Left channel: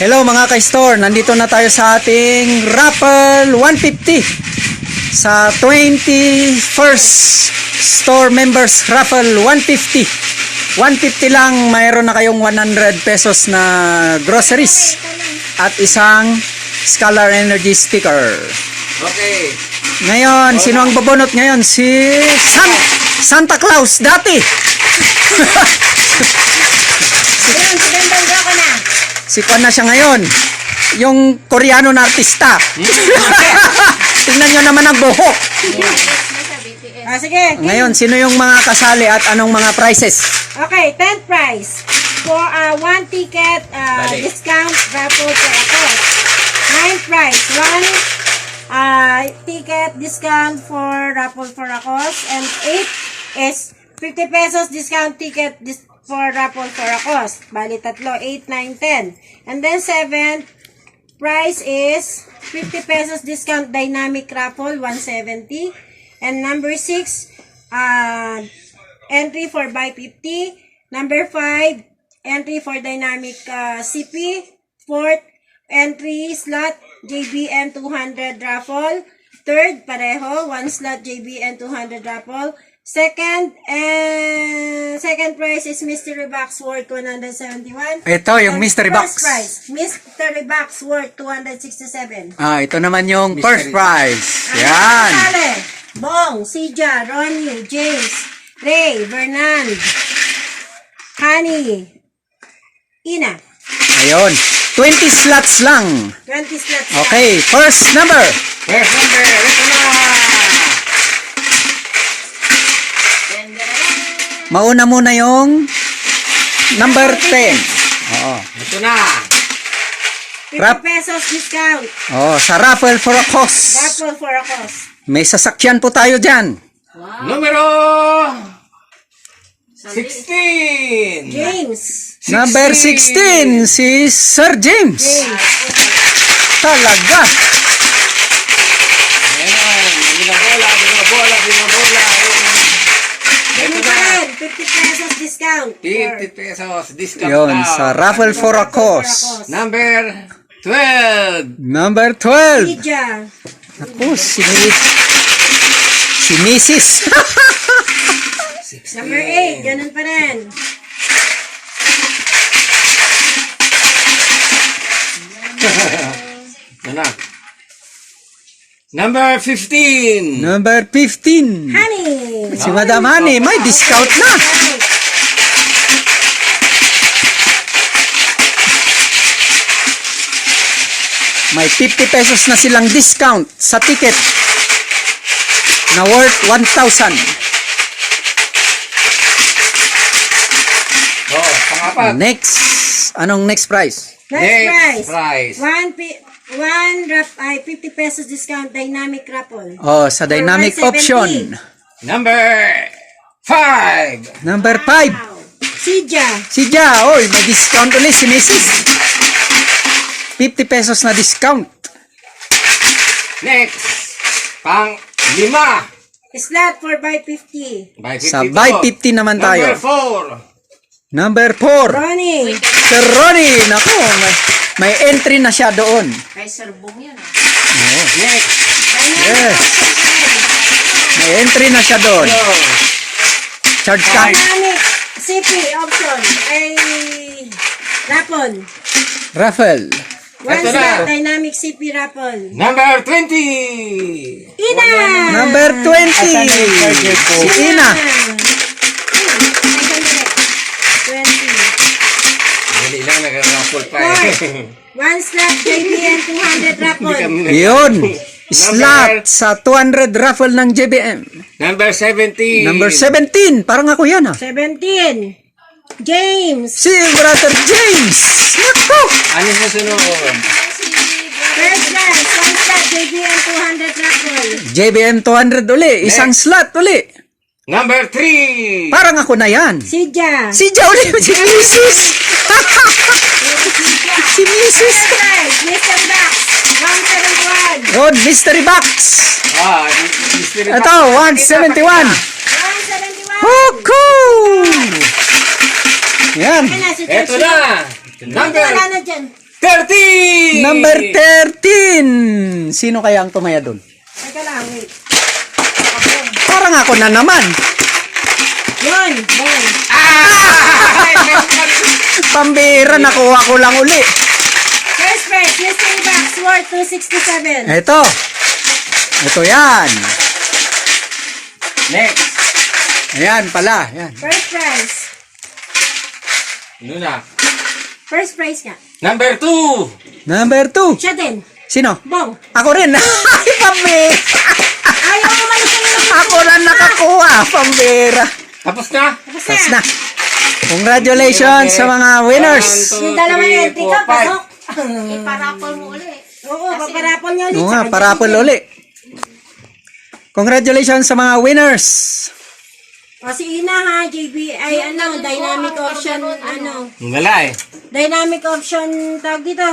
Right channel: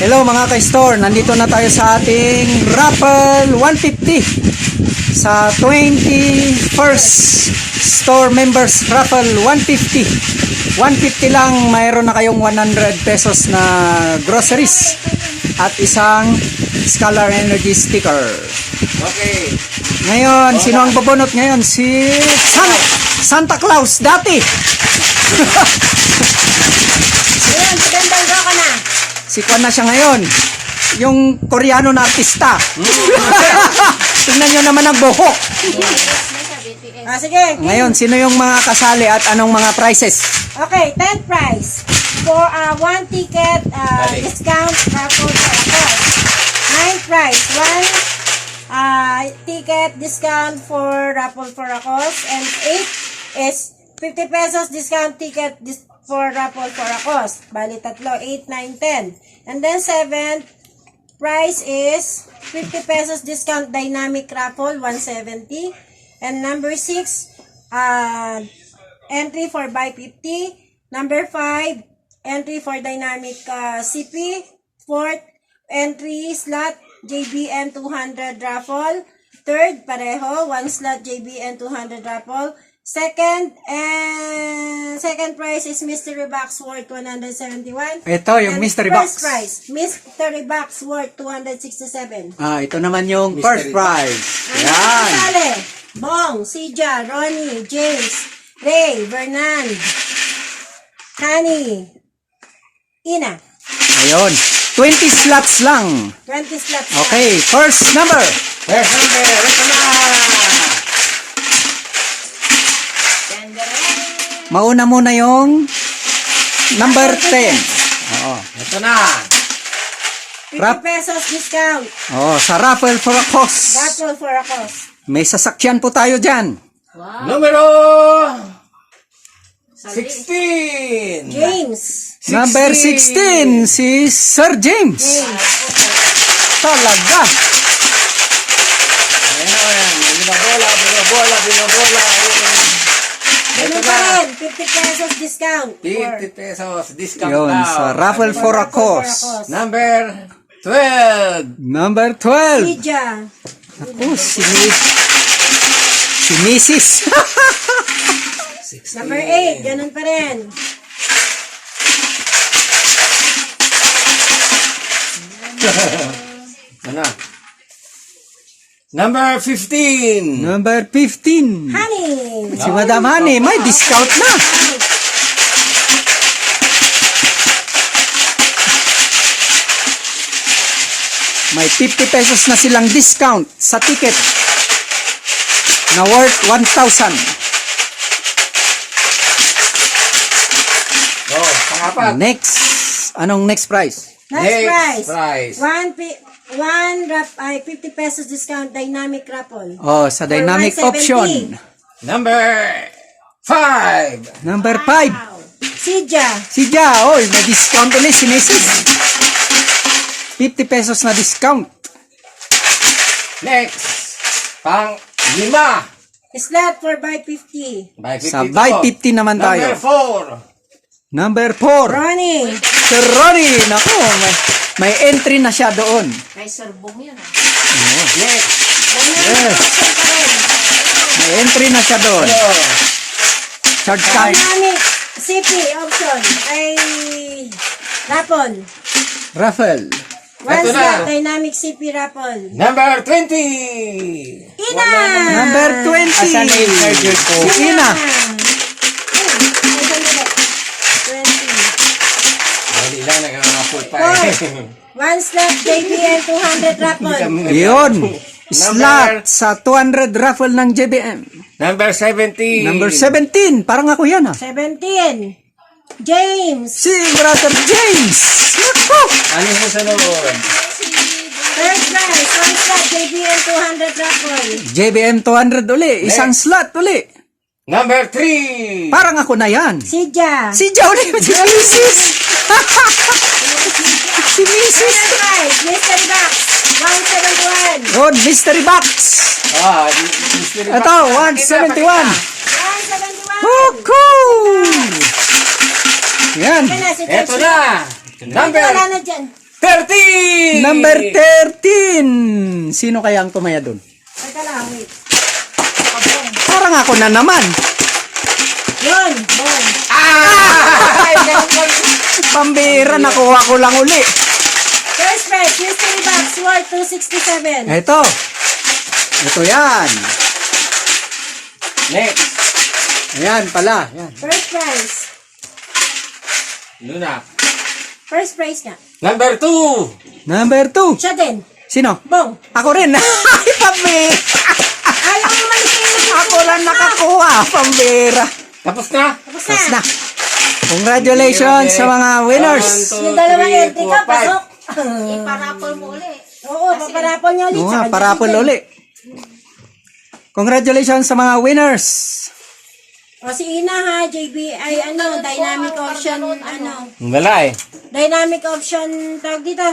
Hello mga ka-store, nandito na tayo sa ating Raffle 150 sa 21st Store Members Raffle 150. 150 lang, mayroon na kayong 100 pesos na groceries at isang Scalar Energy sticker. Okay. Ngayon, sino ang babunot ngayon? Si Santa Claus dati. Ayun, sigandang ka na. Si Kwan na siya ngayon. Yung Koreano na artista. Tingnan nyo naman ang buhok. Sige. Ngayon, sino yung mga kasali at anong mga prices? Okay, 10th prize. For 1 ticket discount raffle for ako. 9th prize. 1 ticket discount for raffle for ako. And 8 is 50 pesos discount ticket for raffle for ako. Bali, tatlo. 8, 9, 10. And then 7th price is 50 pesos discount dynamic raffle, 170. And number 6, entry for buy 50. Number 5, entry for dynamic CP. 4th, entry slot JBN 200 raffle. 3rd, pareho, 1 slot JBN 200 raffle. Second prize is mystery box worth 171. Ito, yung And mystery first box. prize, mystery box worth 267. Ito naman yung first Mystery. prize. Ang Yan. kasali, Bong, Sija, Ronnie, James, Ray, Bernard, Honey, Ina. Ayun. 20 slots lang. 20 slots. Okay, first number. First number, ito na. Mauna muna yung number 10. Oo. Ito na. 50 pesos discount. Sa raffle for a cause. Raffle for a cost. May sasakyan po tayo dyan. Numero 16. James. Number 16, si Sir James. James. Talaga. Ayan. Binabola. Ganun pa rin. 50 pesos discount. 50 pesos discount Yun, now. sa raffle for a cause. Number 12. Number 12. Sija. Ako, si Mrs. Number 8. Ganun pa rin. Ano? Number 15. Number 15. Honey. Si Madam Honey, may discount na. May 50 pesos na silang discount sa ticket na worth 1,000. Pangapat. Next. Anong next price? Next prize. price. 50 pesos discount dynamic raffle. Sa dynamic 170. option. Number 5. Number 5. Wow. Sija. Si Ja, may discount ulit si Mrs. 50 pesos na discount. Next. Pang-5. Slot for buy 50. Sa buy 50 naman tayo. Number 4. Number 4. Ronnie. Sir Ronnie, nako, may entry na siya doon. Kay Sir Bong yan. Next. Yes. May entry na siya doon. Charge card. Dynamic CP option ay raffle. Raffle. One Ito na. slot dynamic CP raffle. Number 20. Ina. Number 20. Asan na yung charger ko? Si Ina. 20. Dali lang, nag-raffle pa Four. eh. One slot JBN 200 raffle. Yun. Slot sa 200 raffle ng JBM. Number 17. Number 17. Parang ako yan 17. James. Si Brother James. Nako. Ano yung sunod? First prize. One slot JBN 200 raffle. JBM 200 uli. Isang slot uli. Number 3. Parang ako na yan. Sija. Si Ja uli. Si Mrs. Si Mrs. First prize. Mystery box. 171. Yun, mystery box. Mystery Ito, 171. 171. Oh, cool. Yan. Yan na, si Ito Chelsea. na. Number Wala na dyan. 13! Number 13. Sino kaya ang tumaya doon? Teka lang, wait. Parang ako na naman. Yun, boom. Ay, Pambira, nakuha ko lang uli. First prize, mystery box worth 267. Ito. Ito yan. Next. Ayan pala. Yan. First prize. Luna. First prize nga. Number 2. Number 2. Siya din. Sino? Bong. Ako rin. Ay, pambira. Ayaw mo man kayo. Ako lang nakakuha. Pambira. Tapos na. Tapos Tapos na. na. Congratulations sa mga winners. 1, 2, Yung dalawang 3, entry ka, 4, 5. pasok. Iparapol mo uli. Oo, paparapol niya ulit. Oo nga, Saka parapol dyan. uli. Congratulations sa mga winners. O si Ina ha, JB, ay ano, dynamic option, ano, Wala eh. dynamic option, tag dito.